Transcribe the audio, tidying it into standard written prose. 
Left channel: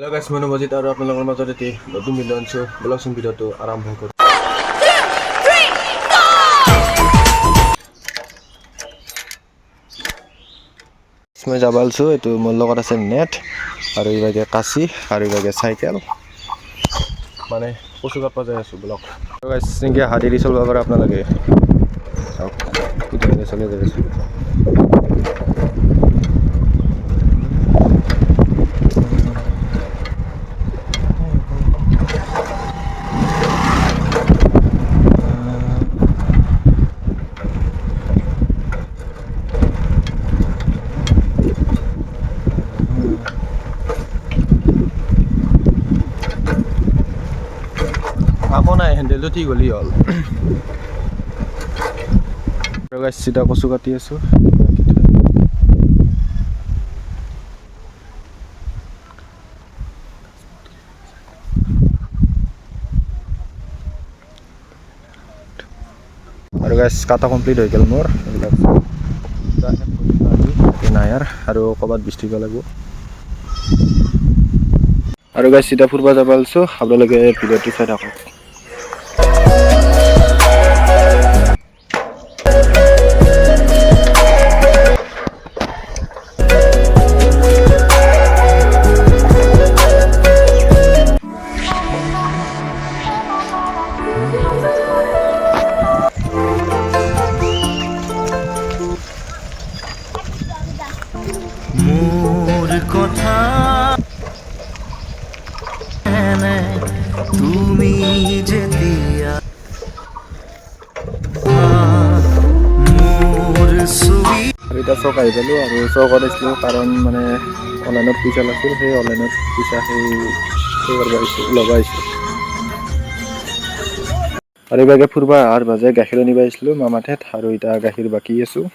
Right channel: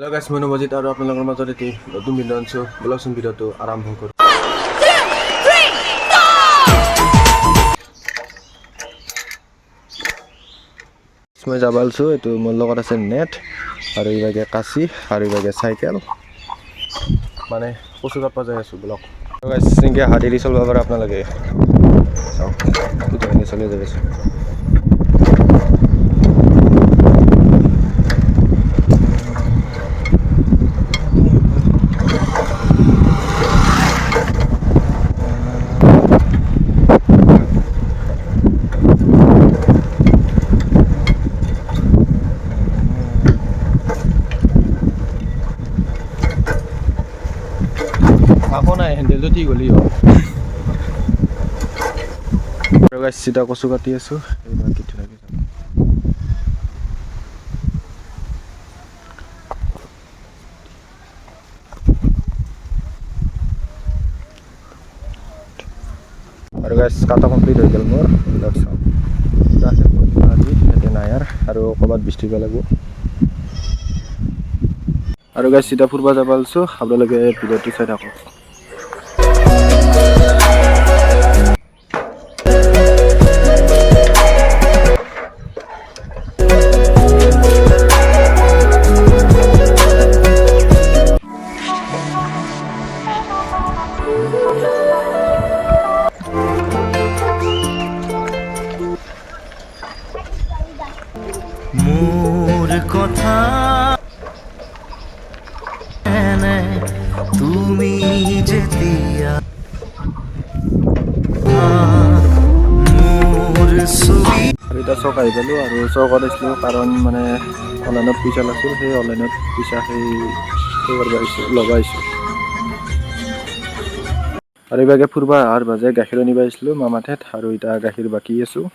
Hello guys, মই নৱজিত আৰু আপোনালোকৰ মাজত এটি নতুন ভিডিঅ' আনিছোঁ। ব্লগচোন ভিডিঅ'টো আৰম্ভ কৰোঁ। মই যাব আলছোঁ, এইটো মোৰ লগত আছে নেট আৰু এইভাগে কাঁচি আৰু এইভাগে চাইকেল মানে কচু কাটবা যাই আছোঁ ব্লগ। গাইছ এনেকৈ হাত এৰি চলিব পাৰে আপোনালোকে চাওক কেতিয়াবা চলি যাই আছোঁ। আকৌ নাই হেণ্ডেলটো ঠিক হ'লি হ'ল। গাইছ চিধা কচু কাটি আছোঁ। আৰু গাইছ কাটা কমপ্লিট হৈ গ'ল মোৰ এইবিলাক আজি নাই আৰু ক'ৰবাত বিছ দিব লাগিব। আৰু গাইছ চিধা ফুৰিব যাব আলছোঁ, আপোনালোকে ভিডিঅ'টো চাই থাকক। মোৰ কথা তুমি যেতিয়া মোৰ ছবি আৰু এতিয়া চক আহি পালোঁ আৰু চক কৰিছিলোঁ কাৰণ মানে অনলাইনত পইচা লাগিছিল, সেই অনলাইনত পইচা সেই কৰিব আহিছোঁ ল'ব আহিছোঁ। আৰু এইভাগে ফুৰিব অহাৰ বাজে গাখীৰ আনিব আহিছিলোঁ মামাৰ ঠাইত আৰু এতিয়া গাখীৰ বাকি আছোঁ।